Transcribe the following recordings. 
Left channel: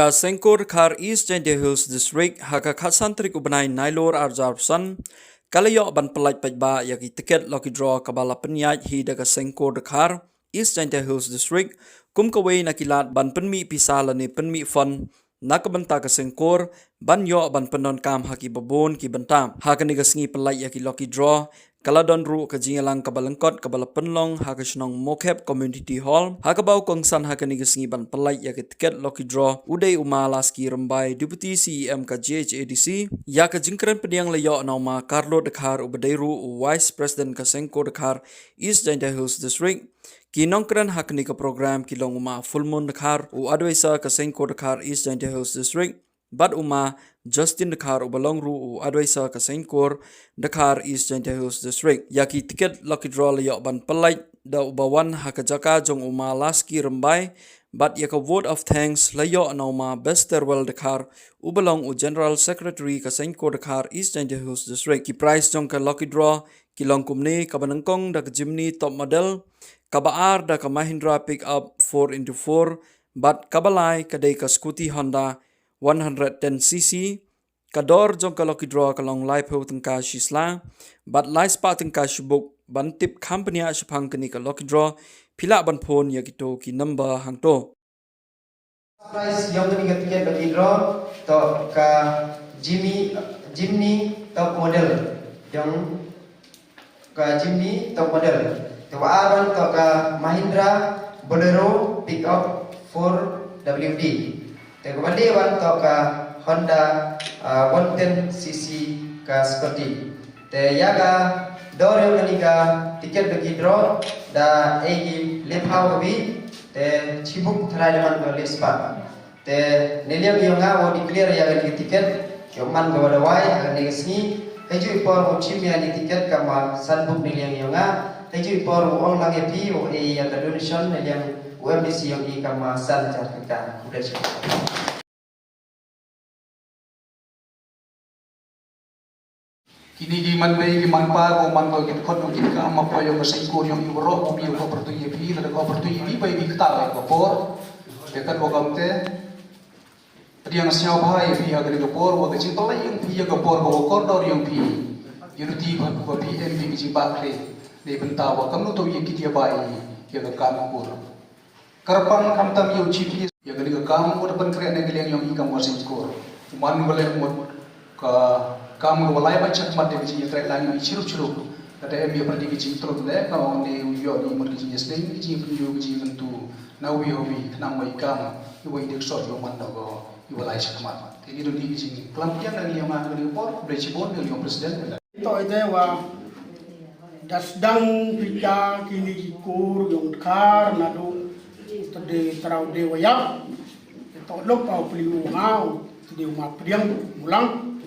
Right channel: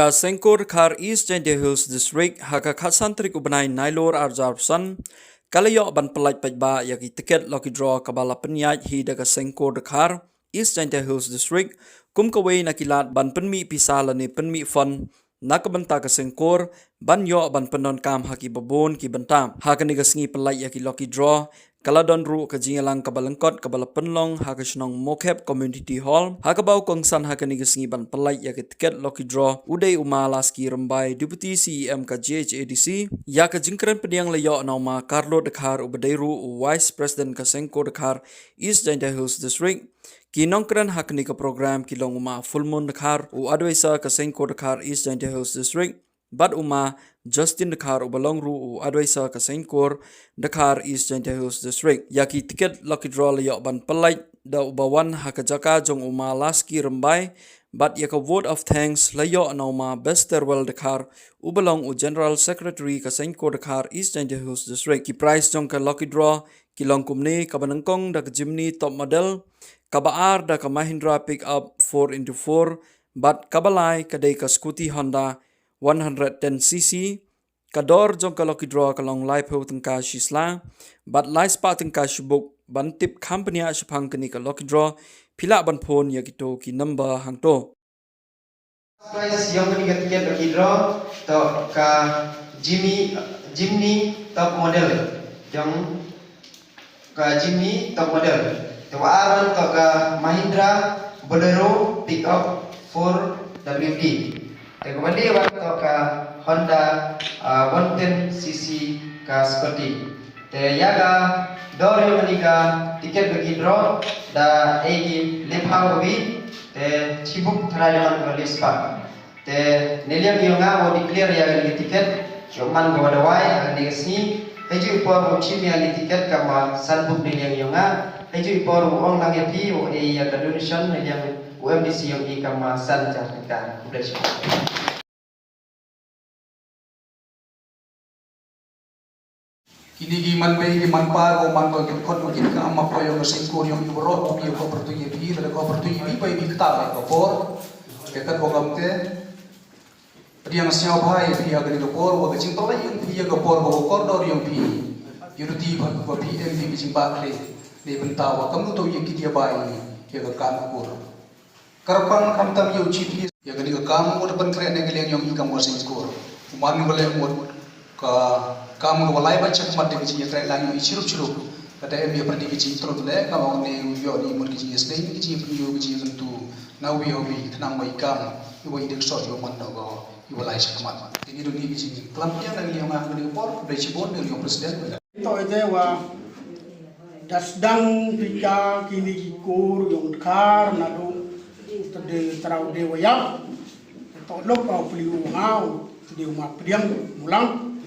Ka Sengkur Khar East Giant Hills District haka khasantrik ubanai Nailor Arjarpsan kalayo ban pelaj pajba yaki tiket lucky draw kabala penyaj hi daga Sengkur Khar East Giant Hills District kum kawai nakilat ban penmi pisala ni penmi fun nakabanta ka Sengkur ban yo ban penon kam haki babon ki bantam haka ni gasngi pelaj yaki lucky draw kaladon ru ka jingalang kabalangkot kabala penlong haka shnong mokep community hall haka bau kongsan haka ni gasngi ban pelaj yaki tiket lucky draw uday umalaski rambai deputy CEM ka GHADC ya ka jingkran pediang layo nauma Carlo Dekhar ubadairu vice president ka Sengkur Dekhar East Giant Hills District kinongkran hakni ka program kilong uma full moon Dekhar u advisor ka Sengkur Dekhar East Giant Hills District Bad uma Justin Dekhar ubalong ru u advisor ka Sengkur Dekhar East Giant Hills District yaki tiket lucky draw layo ban pelaj da ubawan haka jaka jong uma laski rambai but yaka vote of thanks layo nauma Besterwell Dekhar ubalong u general secretary ka Sengkur Dekhar East Giant Hills District ki prize jong ka lucky draw kilong kumni kabanangkong da ka Jimny top model kabaar da ka Mahindra pickup 4x4 but kabalai kadai ka scooty Honda 110cc kador jong ka lucky draw kalong live ho tengka shisla but live spa tengka shibuk ban tip company a shapang kani ka lucky draw pila ban phone ya kito ki number hangto prize yang kini ketika lucky draw to ka Jimny top model yang ka Jimny top model to aron to ka Mahindra Bolero pickup 4WD Tekobadi waktu ka Honda 110cc ka seperti te yaga dor manika tiket bagi draw da egi lepha hobi te chibuk tharayan ko lespa te neliam bionga wo declare yaga ni tiket choman go dawai ani sni heju por wo chimia ni tiket kama sanbuk neliam bionga heju por ong lange pi wo e yang donation neliam UMDC yang di kamasan certifikat udah kini giman bay giman pa ko man ko git kon mo git ka ma pa yo sa ko yung ro ko bi ko opportunity da ko opportunity bay bi ta ko por ketan ko gamte priang siaw bhai bi ha gani por wo ga ching to lai yung bi ga por ko ko dor yung bi yuruti ko ko bi em bi jing ba kre ne benta wa kam to ye kit ya bai ye ga kam ko Karpan kam tam yu chiti ya gani ka kam mo depan kre ne gileng yung ikam wasim skor man gole mo ka kam go lai ba chak mat de ji tre lang yu chirup chirup kata em ya perdi ji trot le ka ong ne yo ni mo ji sting ji yu ji tentu na wi hobi tnam mai kam yu wi dik so yo man go yu lai chak mat ini do ni ji klam dia nang yang ngang ni por bre chi bon ni presiden to ide wa dasdang pika kini kikur yung kar nadu tadi terau dewa yang to lop au peliu ngau tadi uma priang mulang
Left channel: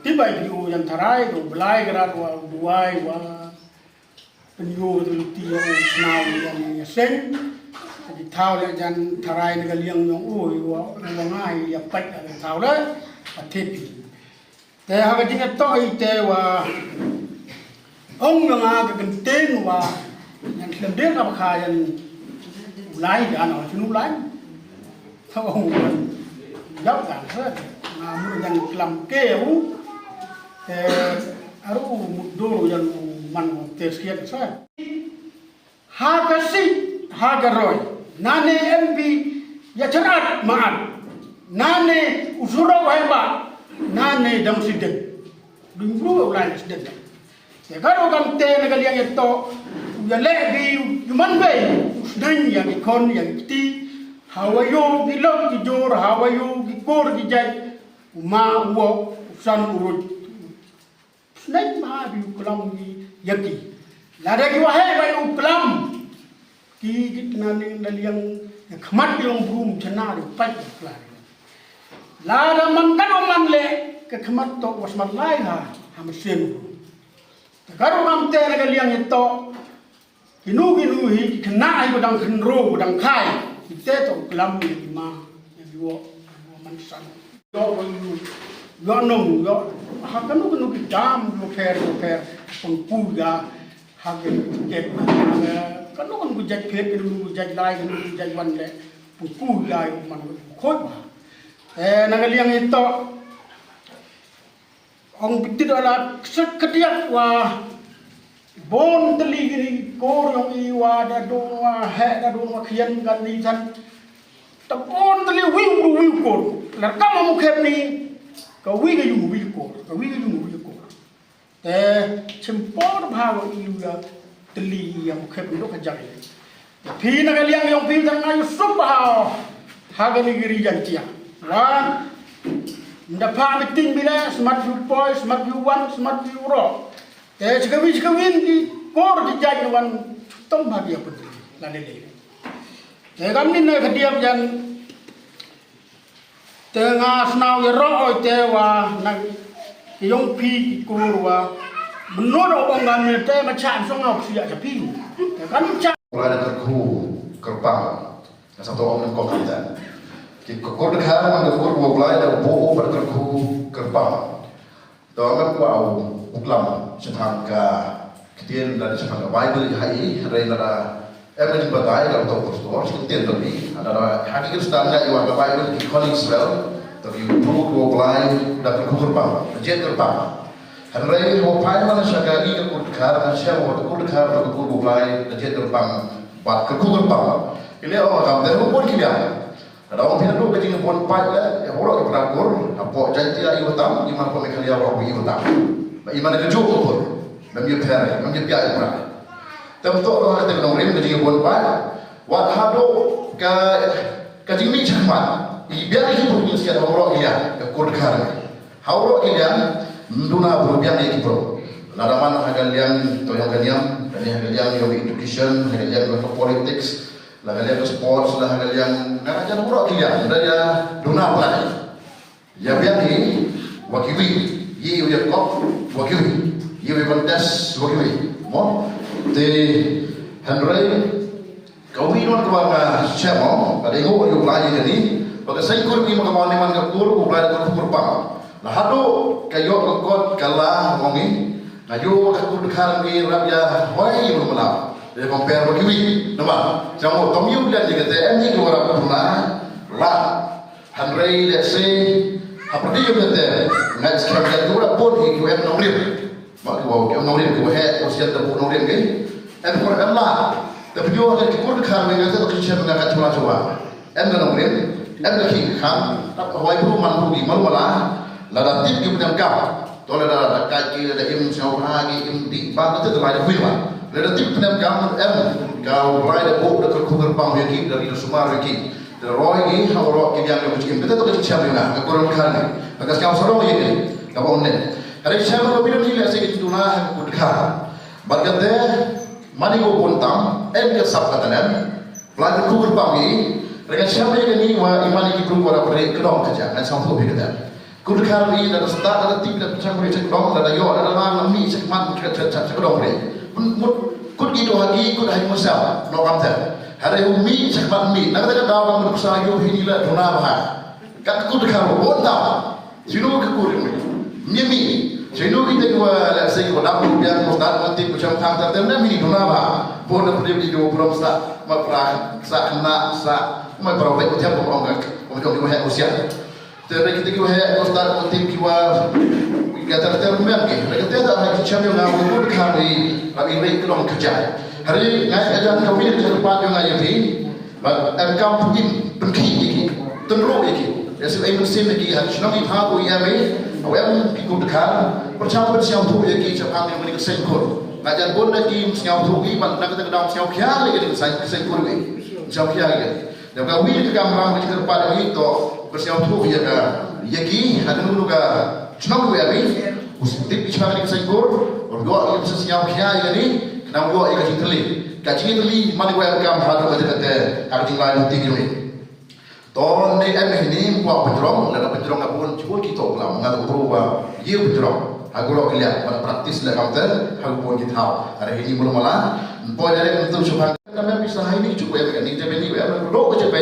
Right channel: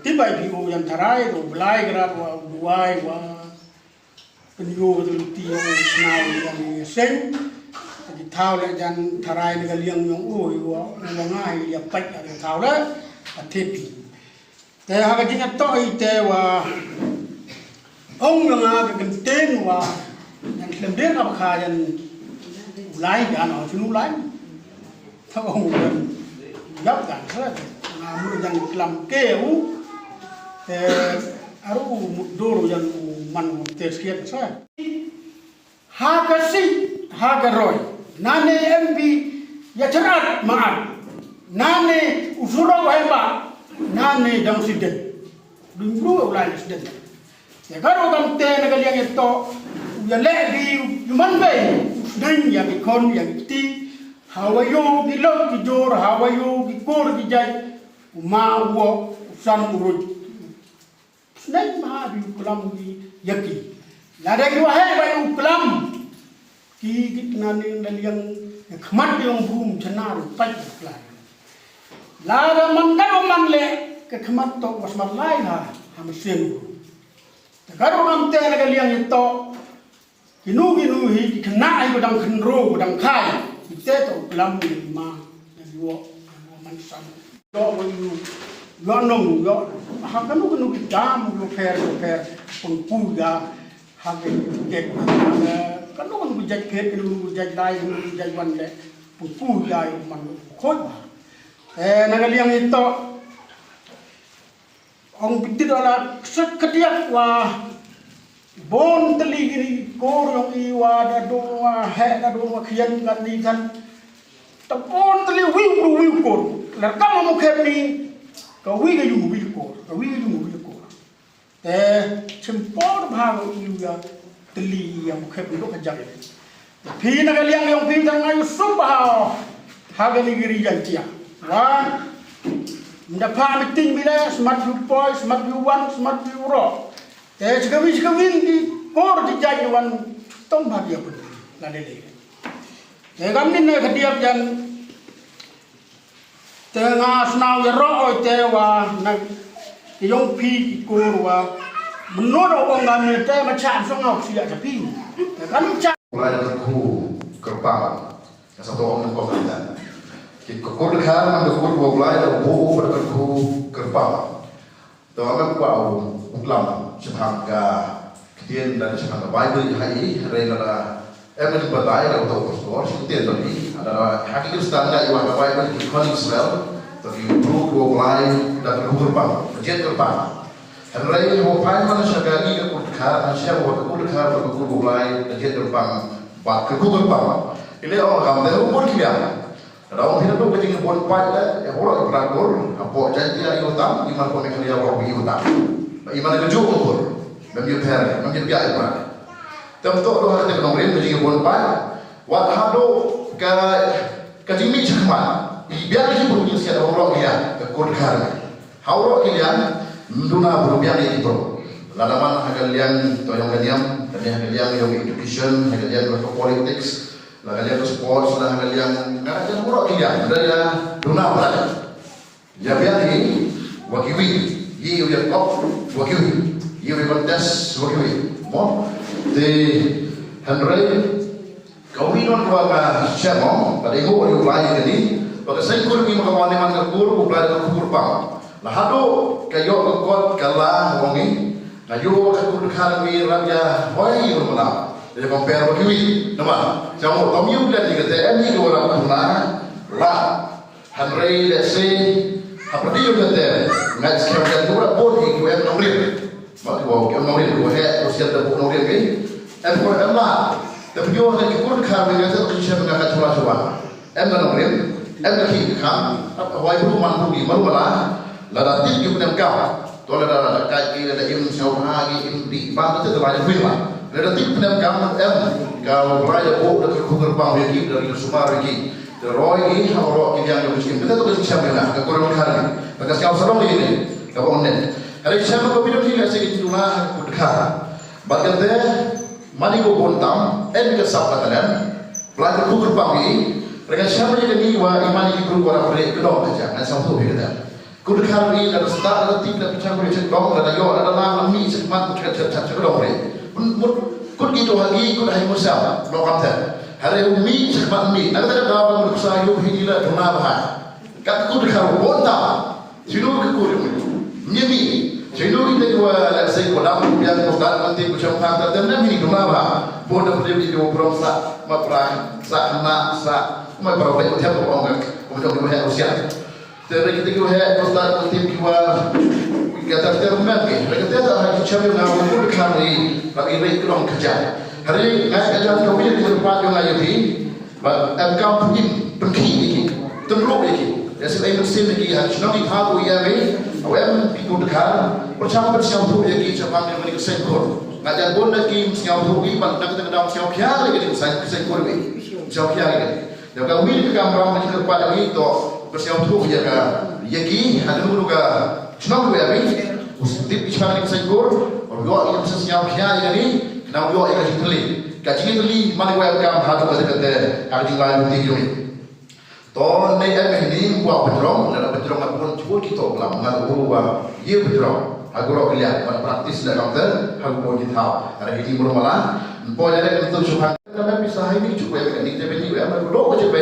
tiba peliu yang tarai do belai gerat wa buai wa peliu tu tio snau yang seng jadi thau le jan tarai ni galiang yang oi wa ngai ya pat ada thau le atepi te ha ga jinga to ite wa ong nga ga genten wa yang lemden ka kha yan lai gan ở trên núi lai thao ông mình giáo gan hết mà muốn dành làm kêu thì aru một đôi rồi dành mình một tết kia sao ha cái gì ha cái rồi nane MP ya cerat maat nane usura wahba nane dam sidin dulu ulai sidin ya kalau kan te negaliang itu ya lagi human being dan yang ikon yang ti hawayo di lok di jor hawayo di kor di jai uma wo san urut snai ma bi ulam di yaki lada ki wahe ba ulam ki gitna ne daliang khmat yung brum chana ri pai klar lada man man le ke khmat to wasmat lai ha ham sen tagaro nam te daliang itu kinu hi kena ai badang kenro badang kai ite to kelam ma yo man san yo yo nong yo ha kanu ki dam yo per pun puga ha ke ket kanu jaj pet kanu jaj lai kanu jaj wan le pungku ya man khoi ba nangaliang ito ong pitit ala sekediak wa bon teli gini kor yang iwa da do wa he da do wa khian kan ni than ta bon teli wiu kor lar kam mu khep ni ka wi ga yu wi kor te chimpor bha yu ya teli yang khep ni do ka jak phi nangaliang yang phi tang ayu sum ba ha ga ni giri jantia wan mendapat meeting bila smart view point, smart view one, smart view ro. Sekawin di kor di jalan wan tong bahagia pun lalele. Kami ni kediap jan tengah senau ro tewa nak yung pi kor wa menurut orang kami te macam songau siap japi. Kami macam. Mulai dari kru kerbau, satu orang kau kata. Kekor dekat dengan kekor bolai dan boh berkerku kerbau. Dalam kau uklam setangga ketian dan setangga Bible hari rela emen badai kalau tu pastor ketian tadi adalah hakikat setangga iwan Bible di Koning Israel tapi boh bolai dan kekor kerbau, jet kerbau. Hari wopai mana syagagi kekor dekat dan siapa kekor dekat dan kekor bolai dan jet kerbau, bat kekor kerbau. Ini orang kamu pun kalian. Ada orang hidup tu kecil pun pai lah, orang yang perakur, apa janji ayu tam, iman kau mekali orang pergi tam, iman kerja ukur, memang peri, memang biaya iman. Tapi tu orang yang tengok kecil pun pai, wat hado kecil mi cakap, biar ini perlu sekian orang dia, kurang. Orang kalian menduna berbiang ini tu, ladaman hagal yang tu yang kalian, dan hagal yang education, hagal yang politics. Kalian sports lah kalian nak jangan buruk tidak ada dona pelan ya biar ini wakiwi ye udah kok wakiwi ye kontes wakiwi mo te Henry kau minum keluar siapa ada yang kau pelajari ni pada saya kurang makawan dengan kekur pelajari kekur pang lah hado kayo kekot kalah wongi kayo kekur dekat ni raja wai bermalam. Dia compare begini, nama. Jangan kau miulan jika TM ni orang puna, lah. Henry let's say, apa dia kata? Nak sekarang dia orang pun ikut M nomor. Mak kau M nomor kau head, usia terpuk nomor ni. M kau M lah. Tapi dia orang ikut dekat dengan tu kisah mengakat cuma. M nomor, M lagi kam. Apa wajib mampu di malu lah. Lada tip kita menangkap. Tolong lada kaki, lada im siapa lagi im di. Bang itu terlalu firman. Lada tip penamkam kau mulai dah buat dekat kerbau yang dari Sumar lagi. Terroy ini orang yang yang mungkin kita tu kecil mana, kekurang kali. Maka sekarang serong ini, kau onen. Hari siapa kau bilang ni saya itu lah kudkar. Bagian deh, mani kau buntam, ke sab katakan, pelajari kerbau ini. Mereka siapa yang ni wah iman ini perlu orang beri kedong kerja, nanti sampai berkata. Kudkar ini ada start ada tip ada pecah beri cekdong, ada yo ada lam mi cekmat cekdong beri. Kut gitu lagi, kut hari musal, belum kamter. Hari umi cakap mi, nak kata dalam berusaha yo ini lah dona bahar. Kat kut kalau bonta, sino kekut mi, sino kita kau let's say kau dapat biar kau start nanti macam kamter, tapi ni dona bahar. Bodoh dia di dua puluh sak, maprah sak nak sak, maprah baik tiap orang macam dia buat usia. Tapi kita kau start nanti kau kata termen ke, mereka tidak ada lagi cakap yang aku berkali, tapi mereka orang kerja. Hari ngai kerja kami ni tempat yang ayuh ni, engkau pun pergi lagi, tenrok lagi. Jadi mesin lagi, hari senang kita aku ia awam ikut kan, percaya siapa tu lagi cakap yang mereka sengkor. Ngajar pun lagi siapa tu lagi, nak kita dalam siapa yang lagi dengan sengkor ni, siapa yang lagi. Dan kami ni kamera mereka kepada itu, bersiapa tu dia kan, lagi ada mulu kan. Senang tu ya, tip istimewa ni kesengkur, orang dua yang bisa siap kiai ni, kenapa dua yang kasih teli, kaji teli mana gua yang hadu ada kata, kaji lain tinggi ni. Toh ni ni buat penjerong, ada penjerong apa pun cuba kita ulang, nggak perlu buat, ye penjerong, aku lo lihat, ada praktis lah kamu aku pun kita tahu, hari ini belum malah, pun ada yang tu cuba, tapi bisa hari ini cuba ya, ni jadi ni, lo cuba,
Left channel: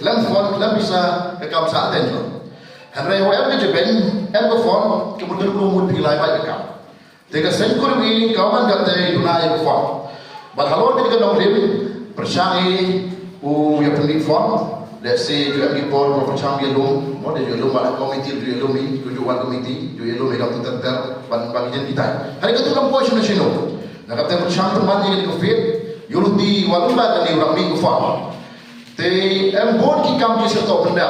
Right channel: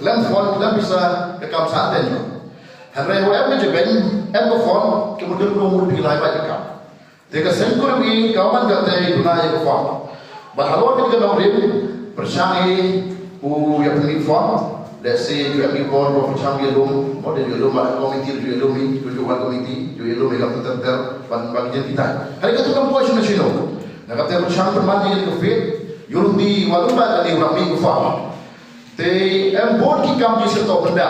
kelam bisa kekam saat ni. Hari awam ni jepang, phone kemudian belum pilih baik kau. Jika sengkur ni kau kan kata guna phone. Bahawa ni kita nak beli persangi, yang beli phone, let's say you have report for macam yellow, more than yellow pada komiti tu yellow mi, tu jual komiti, tu yellow mereka tu ter bagi jen kita. Hari itu kan puas nasional. Nak kata macam teman yang itu fit, Europe walumba kan Europe mi kufa. Te board ki kam je serta benda.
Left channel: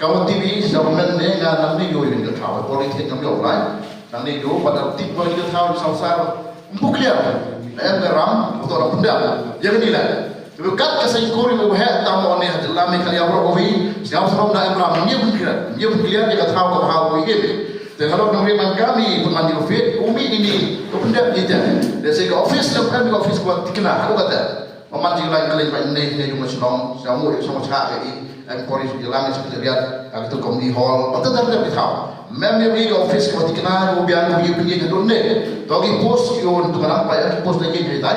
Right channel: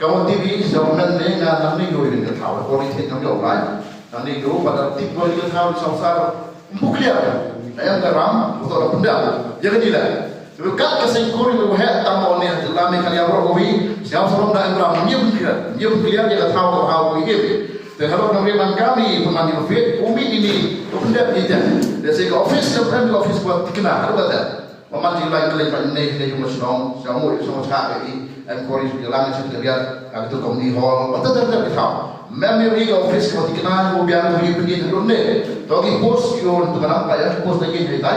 Kamu TV zaman ni ngan ni yo ini kata, politik kami online. Nanti yo pada tip bagi kata sausar, bukliar. Garam betul benda. Jangan hilang. Kat kesengkur yang berhak tamu ni dalam ni kali awak kopi siapa seorang dah emram dia pun clear dia kata tahu how we give dan kalau pemerintahan kami pemandi office umi ini tu benda kita dari segi office lepas office buat dikenal aku kata memanggil lain kali pak ni dia cuma senang semua cak ini employees jalan sekretariat itu community hall betul betul kita memang office kalau dikenal biar punya pendidikan dulu ni togi post yo untuk nampak ya post lagi cerita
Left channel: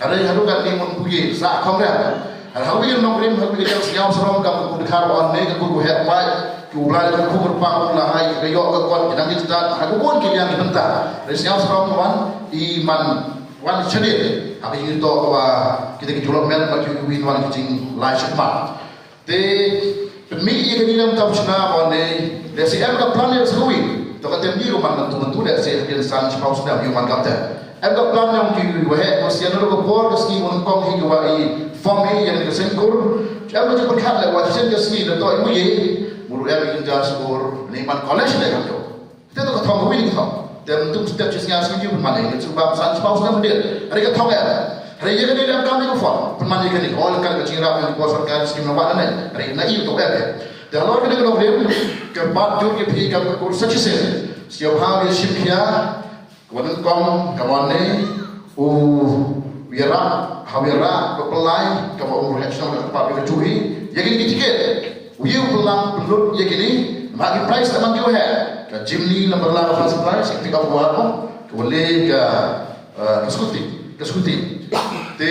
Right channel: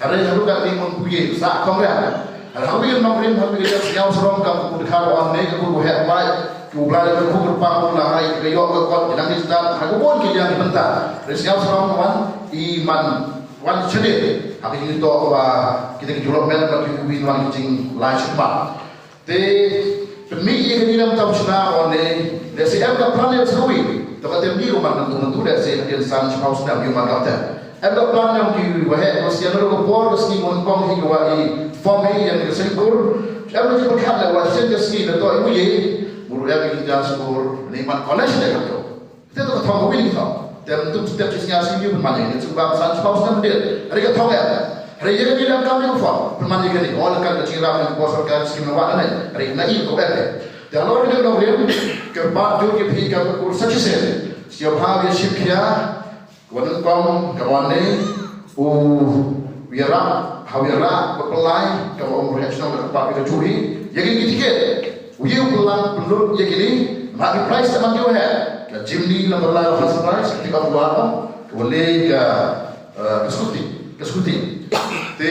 hari hari kan ni mempunyai sah kongres. Hari ini nomor hari ini yang serong kamu dekar orang ni aku buat mai, aku belajar aku berpang ulahai kayok kekuat jadi kita aku pun kita yang dibentar. Dari yang serong iman wan sedih. Hari ini tu kita kejual mel bagi win wan kecing lain cepat. Te pemilih ini dalam tahun cina orang ni dari siapa dah plan yang seruin. Tapi temui rumah tentu dari siapa yang san cepat sudah rumah kata. Ada plan yang dibuat, mesti ada lokor meski mengkong hingga form ini yang disengkur. Siapa yang berkat lewat sen meski itu ibu ye, buru yang ingin skor neman college dah kata. Kita tu kata mungkin kita. Dan untuk setiap jenisnya sendiri pun mana ini sebab sangat sebab sudah berdiri. Hari kita tahu ya. Hari ini ni dalam kami form pun mana ini. Orang kan kecil ramai yang kuasa kan skim nama mana. Hari ini itu apa? Dan orang kita kalau berdiri kerbat jauh dia pergi ke kursus sih. Siapa hal dia simkia. Kawan kawan ni, hawira, kepelai, kawan reaction dan apa kita curi, yakin tiket, pelang pelut yakin bagi price teman dia ke Jimny lembar lalu hasil price ketika berapa, boleh ke skuti. Te,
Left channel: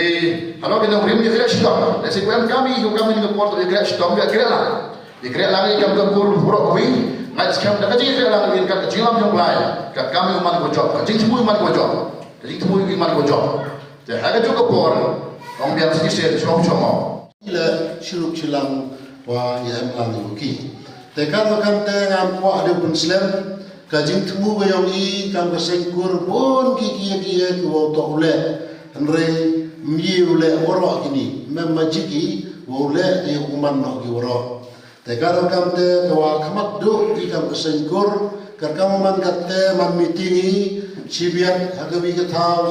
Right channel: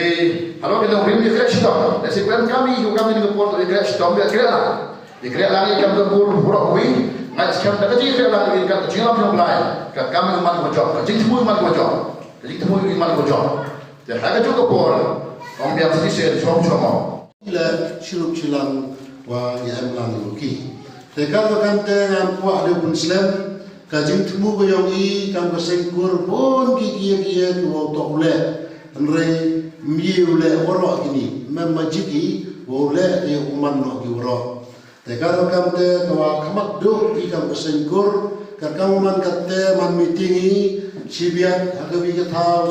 kalau kita beri dia crash stop, dari sekian kami ni keport dia crash stop dia kira lah ni kami keport buruk kami. Mai sekarang dah kerja dia lang ingin kat kecil yang lain kat kami umat bocor kat jing semua umat bocor jadi semua umat bocor jadi harga juga por orang biar sisir cuma ila shuruk chilang wa ya lang ki te kan ngam ko ade bun slam ka jing tumu go yong i kam sengkur bon ki ko to ule andre mi ule woro kini mem majiki wo ule e uman no ki woro te karo kamte kawa kamat do ikam kesengkur karkam man katte man meetingi sibiat agawi gathau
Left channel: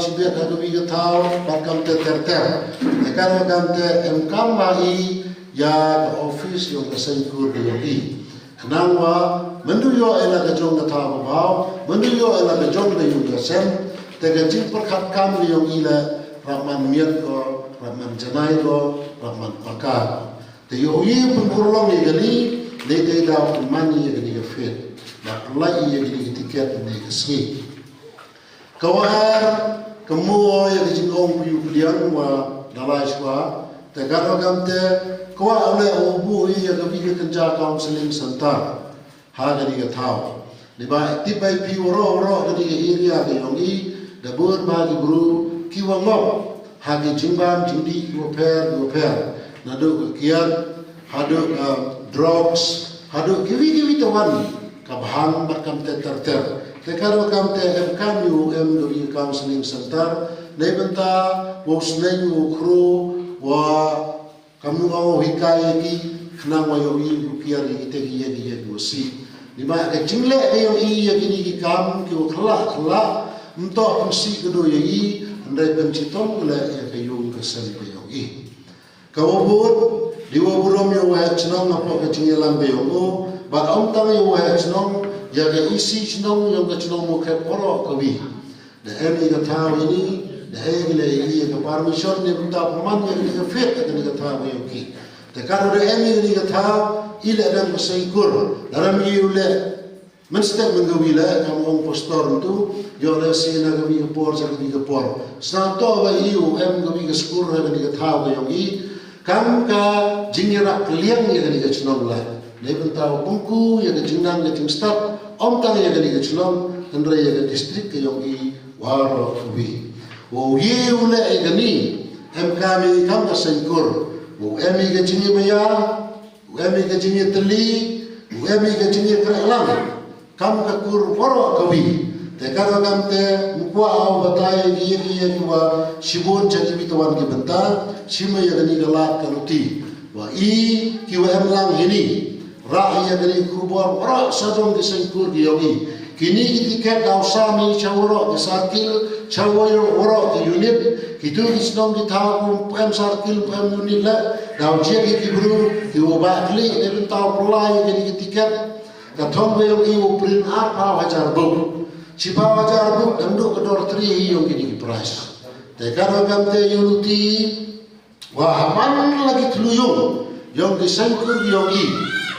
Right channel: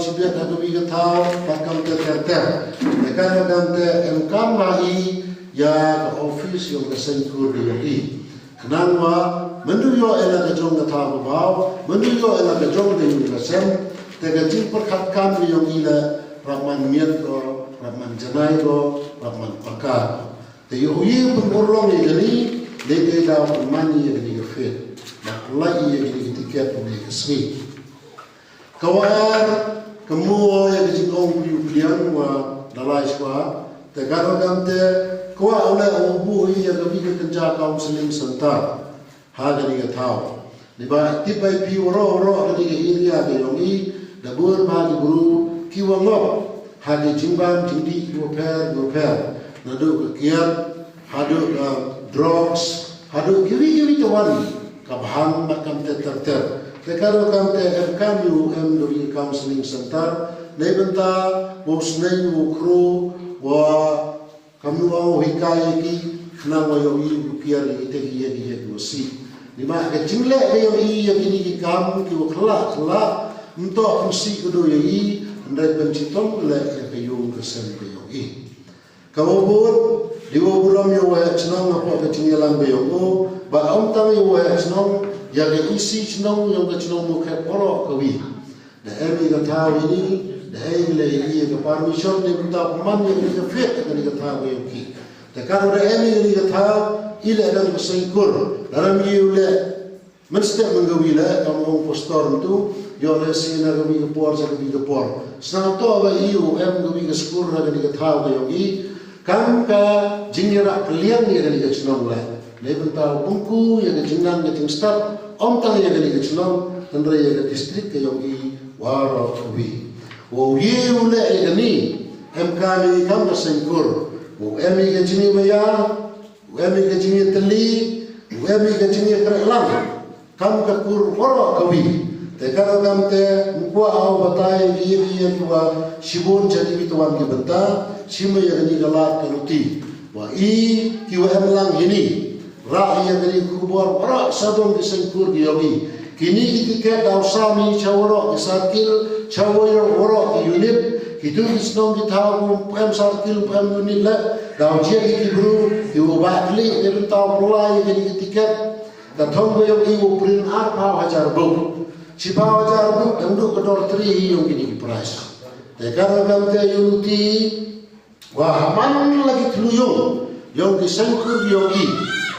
karkam te terter te karo kamte emkam mai ya ke office yo kesengkur di kenangwa menduyo ela ka jong gathau bau menduyo ela ka jong de yu sen te ga jing perkat kam yo ila rahman miat ko rahman janai ko rahman pakar te yo pun urlong ni gani le da mani ye gani fit mak lai ye gani tiket ni kesni kawar kemu ye gani ong yu liang wa dalai swa te garo gamte kwa ole obu ye gani ke kenja counseling center ha gani ke thau ni ba tipai pi ro gani ke area de yongi da bur ba gi guru kiwa ngop ha ge jimbam jindi go per nado kiat hadu drugs hadu giwi tawan kabhang makam terter tekaro kam te kam yu do counseling center nebenta bosnenyu kru wa kamu au hikaya ki khna wa yo yi kiar ite ki ye si ni ma ka jingle yo yi ki ni kam ki khla mto si kudo yi ndai pencitom le ke yung ke sen ke yo yi kawobut Diwa buram yo wa chnong apa ke tingelan be yo ba om tang yo wa chnong ya ke isi chnong yo ke chnong mo ke poro kawi de emi ga tha ini de egle yi ke permission ne buta man ye ke fit ke ni ga tha yo ki te ka ro emi ni ga tha ile dan sengkur dalam yule menste mengawi la kam ong postor tu yo le sina ga mi por sa ga por sa to ba yu em ga mi ga skur ga ni ga tha yo ki kam ka jingira kliang ye gani ke chnong la le buta bungku ye ke jingnam ke start om tang ye gani ke chnong andre ye ke district ke yogi waro wi wo ye ule ye gani em kami kam ka sengkur wo emi ke jingi maya emi ke jingi teli, emi ke jingi kerelang, kam ke kur waro kawi. Te karo kam te mukwa au batai dia kiwa shibon jadi bituan ki benta, shima ya gani galat kaluti. Wa i kiwa emlang ini, ra ya gani kubur waro sadong ki sengkur ki yogi. Kini ki tiket dau sami chawro ki sakil, chawro waro ki unit, kitu ki snong ki tau pem sarkil pem unit la, dau jia ki kibru, ki ubakli de bentau pelai gani ki tiket, katong bayong i uprin apa hajar bu. Cipa wajar bu dangduk kedor tri yung kini ki price. Te karo kam te yunuti, wah man lagi teluyung, yung ki sengkur yung i.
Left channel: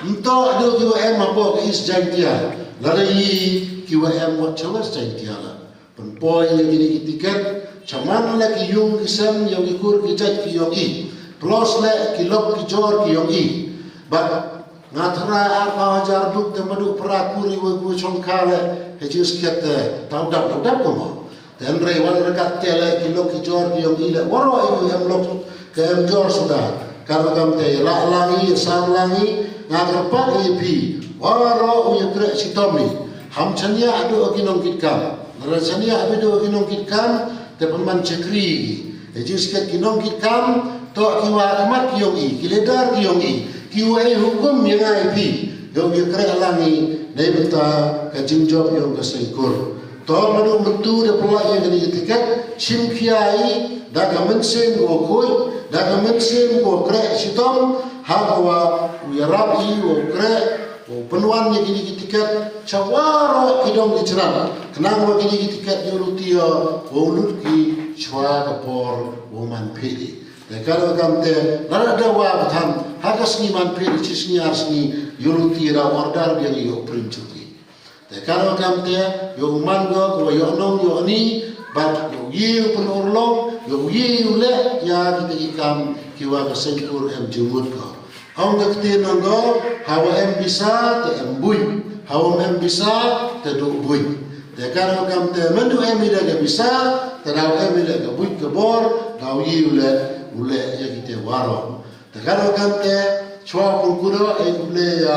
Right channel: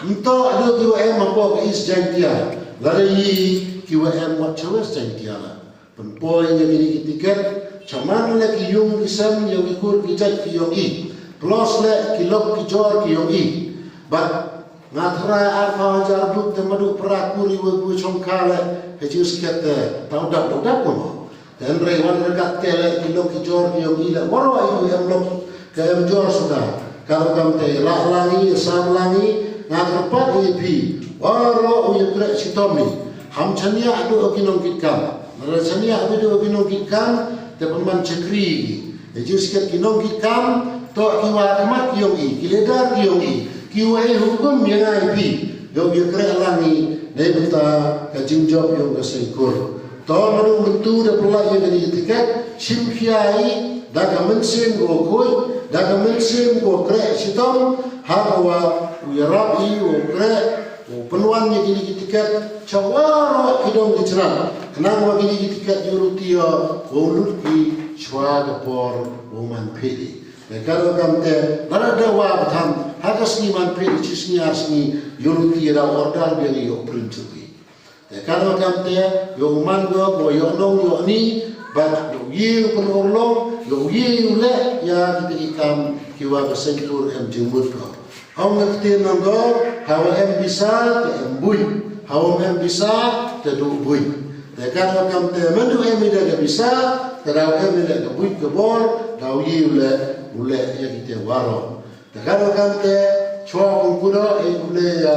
Ento adu kiwa em apa ke is jangtia. Lari kiwa em wat chawas jangtia la. Penpoy yang kini ki tiket, caman lagi yung kisem yung ikur ki jaj ki yung i. Plus le ki lok ki jor ki yung i. But ngatra apa ajar duk temadu perakuri we chongkale hejus kete tau dak ko dan rewan dekat tele ki lok ki jor ki yung i le waro yang lok ke em jor sudah karo kam te la langi sam langi ngagerpat epi waro uye kre sitomi ham chania adu kinong kitkam nara chania adu kinong kitkam te peman cekri hejus ket kinong kitkam to kiwa kemat ki yung i kiledar ki yung i kiwa hukum yang IP do ye kre langi ne beta ka jingjob yung ka sengkur to lalu mentu de pelai yang di tiket sim kiai da ka mensim go koi da ka mensim go kre sitom hawa uyarap i o kre o penuan yang di tiket cawaro kidong di ceran kenang wa di tiket yurutia o lutki chwa ka por o man pedi. Kalau kamte nara dawa batan hagas ni man pedi cisni arsni yuruti ra ordar yang yo primcuki. Kalau kamte yo manga ko yo nong yo ni bat yo yiu penorlong yo yiu le ya kita ikam kiwa besengkur em jumut ko. Hong ngekte nonggo hawa em bisa te em bui, hawa em bisa te do bui. Kalau kamte mendu em ida bisa te raw em ida ke bui ke bor raw yiu le ule ya kita waro. Tekaro kante chua pungkura ule ya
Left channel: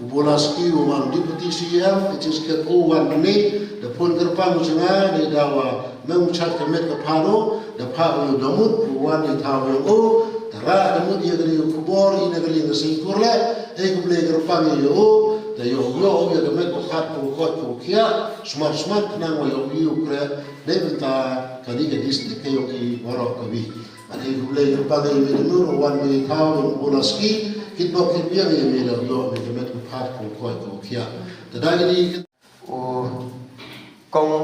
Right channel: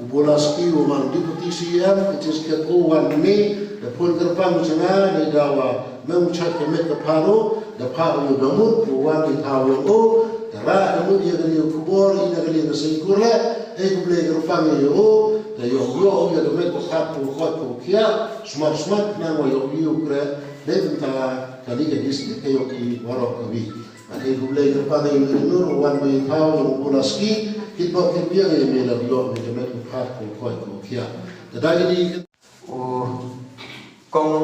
ubolaski uman deputy CM it is ket o wan ni the pun kerpang changa ni dawa mengucap kemet ke paro the pa yo domut wan ni taw yo o tara domut ya gari kubor ina gari ngasingkurle ule kerpang yo o the yo yo demet ko khat ko kot ko kia smart na yo yo kre devta kali ke distrik yo ki waro kawi. Ada gulai kepada ibu wan me tahu bolaski kitbok kitbiang ye me la yo me kemet ku phat ko koi ko kia tadagi di kong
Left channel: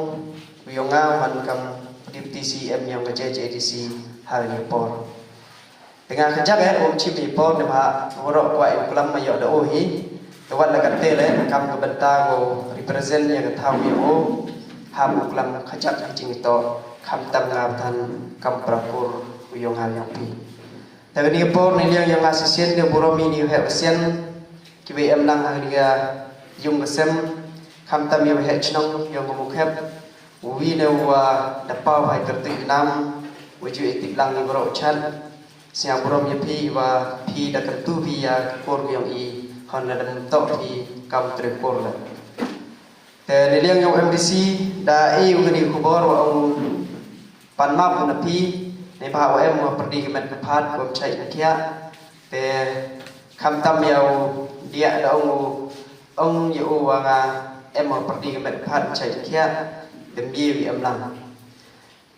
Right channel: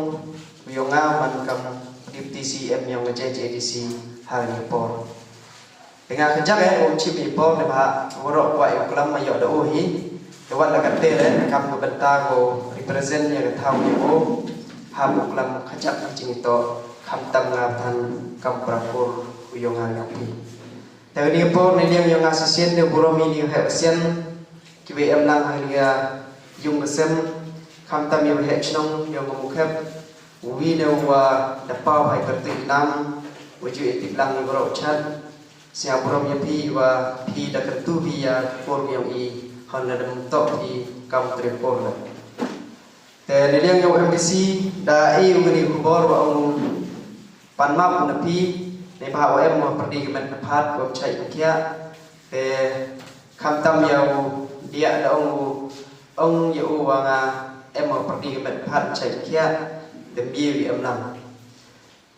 yonga man kam deputy CM yang JJDC hari por dengan kejap chipi por de ba worok kwai uklam ma yo da ohi to wat la katte le kam ko benta go represent yang tahu yo ha uklam kejap jing to kam tam na tan kam prapur uyong halapi. Tapi ni por ni yang asisten dia boromi ni hepsen kiwe em lang hang dia yung sem kam tam yo hechnong yang mukep wi le wa da pau hai tertik nam waju etik lang ni boro chat sia borom pi wa pi da kertu pi ya por yang i han da tok pi kam trepor la. Te ni yang MBC da ngani kubor wa ong panmap na piในภาวะเมื่อปฏิกิริยาพัดก็ใช้เคียแต่คำตั้มยาวเดียดองอยู่ว่างาเมื่อปฏิกิริยาพัดใช้เคียเต็มยี่วิมลัง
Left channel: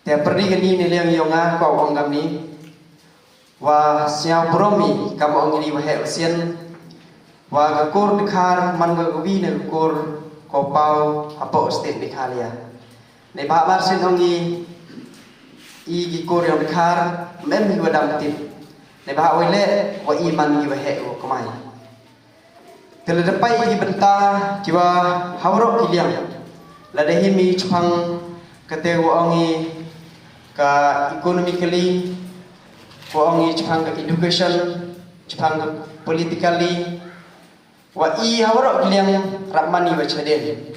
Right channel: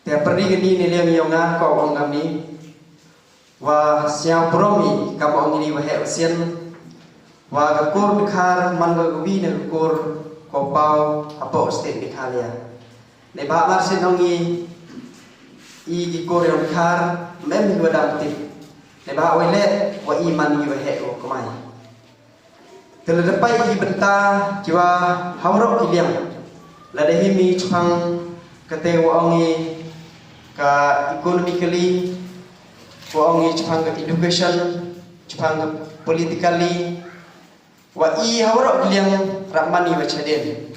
แต่ปฏิกิริยาในเรื่องยองาก็องคำนี้ว่าเสียบรมีคำองนี้ว่าเหตุเสียนว่ากระโกรดิคาร์มันก็วิ่งในกระโกรก็เป่าฮับโปสเตนดิคาเลียในภาวะเส้นองนี้i Korea dekar mem gua dapetin ne ba wele wa iman gi wa he wa kamai tele depai i benta jiwa hawro kiliang la de himi chpang kate wa ongi ka economically wa ongi chpang ka education chpang ka politically wa i hawro kiliang ramani wa chaden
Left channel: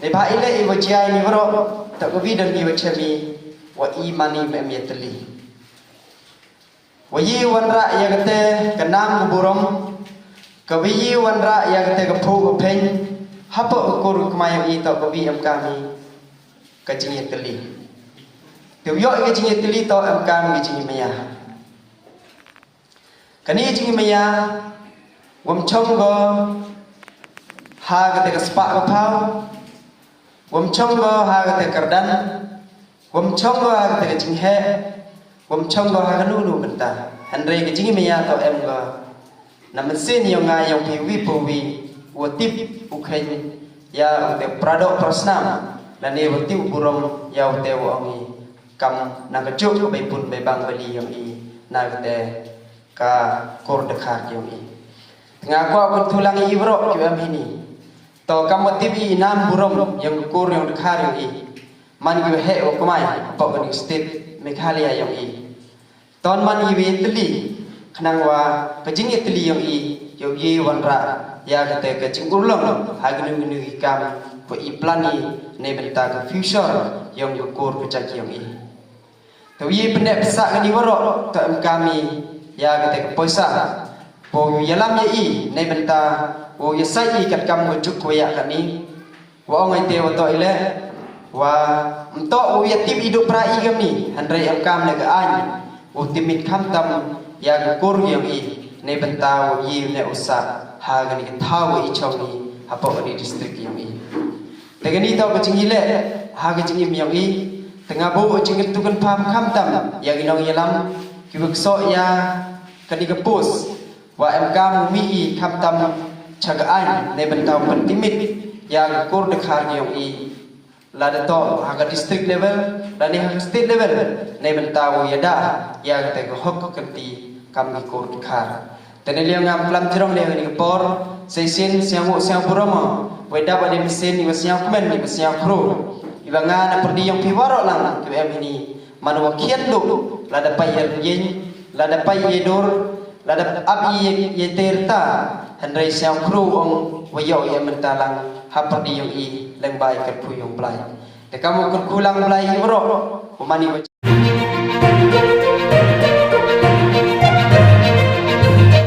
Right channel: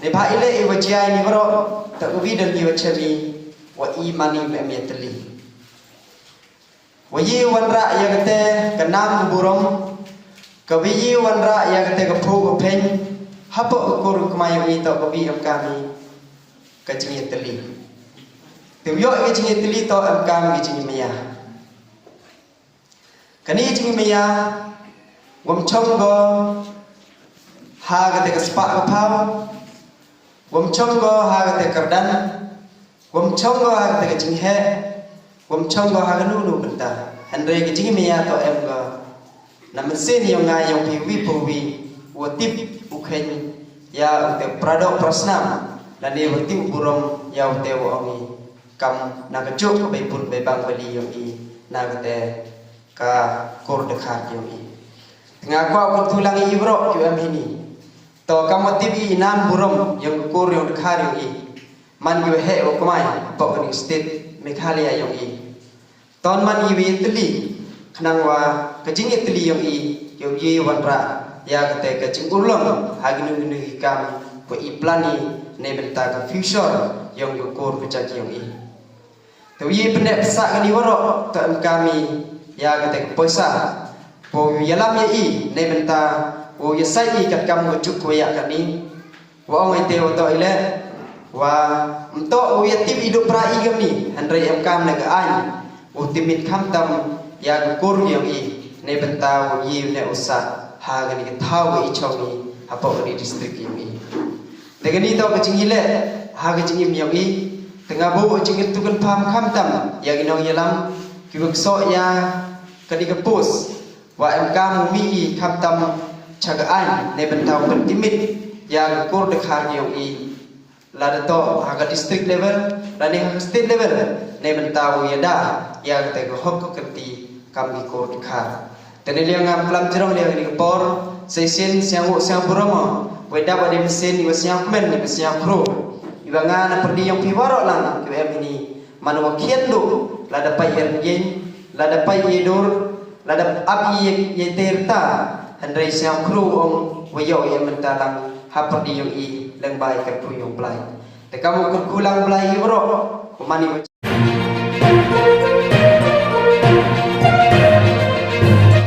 ne ba ile i wa jai ni waro ta ko vidang gi wa chami wa imani memyatli wa yi wanra ya kate kanam burong Kabi wanra ya kete kapu pen hapa ukur kemayang itu kabi kami kacingnya teli. Tiup kacingnya teli to kami kacingnya maya. Kani kacingnya maya wam chong go ha kete kaspa kapau wam chong go ha kete kerdan wam chong go ha kete kacing he wam chong go ha kanu benta. Andre kacingnya maya to go namun sini yang ngayong piwi piwi watip ukhen ya te pradok prasnam dan dia watip burom ya te wangi kam nagacuk bay pun bay bang bali yang i nagte ka kor dekat yang i ngaku aku tulang i bro yo am ini to kam watip i nan burom yang kor yang dekat yang i man gi he o kumai pok ni state Meghalaya yang i ton man i teli kenang wa kajing itli yang i wanra ya kate kajing ulong hagnu gnu ikam ko iplani ne benta ka future yang yukur kecak yang i to ye pendek pesak kani waro to kami ya kate poisa po yalam ye i ne benta o yesai i kat kam wujuk ko ya kani wa ngai te to ile wa mto o yatim hidup rai kami handrai am kam ne ka an o timit kham tam ya kur yang i ne bentau yi ne usah ha gani ke thau i chongi apo gani district yang i tegani to kecing ile ha kecing im yang i tengah bo kecing tu kan pam kham tam ya ginong yalam kibuk so ya kadi ke pos wa mk mi i kham tam chagaan ne bentau kan timit ya kur dekhar yang i lada to ha district level dan ha state level ne bentau ya da ya te hok kenti kami kor khar tene liang aplam tirong le ni por seisen siang buromo weda pada mesin ni siang men ni siang pro ibanga na perdi yang piwaro lang ke ini manwa kiendo lada payer yen lada payedur lada abi ye terta handai siang pro ong wayo ya mentalang ha perdi yang i leng bai ke pro yang plai te kamu kulang plai bro mani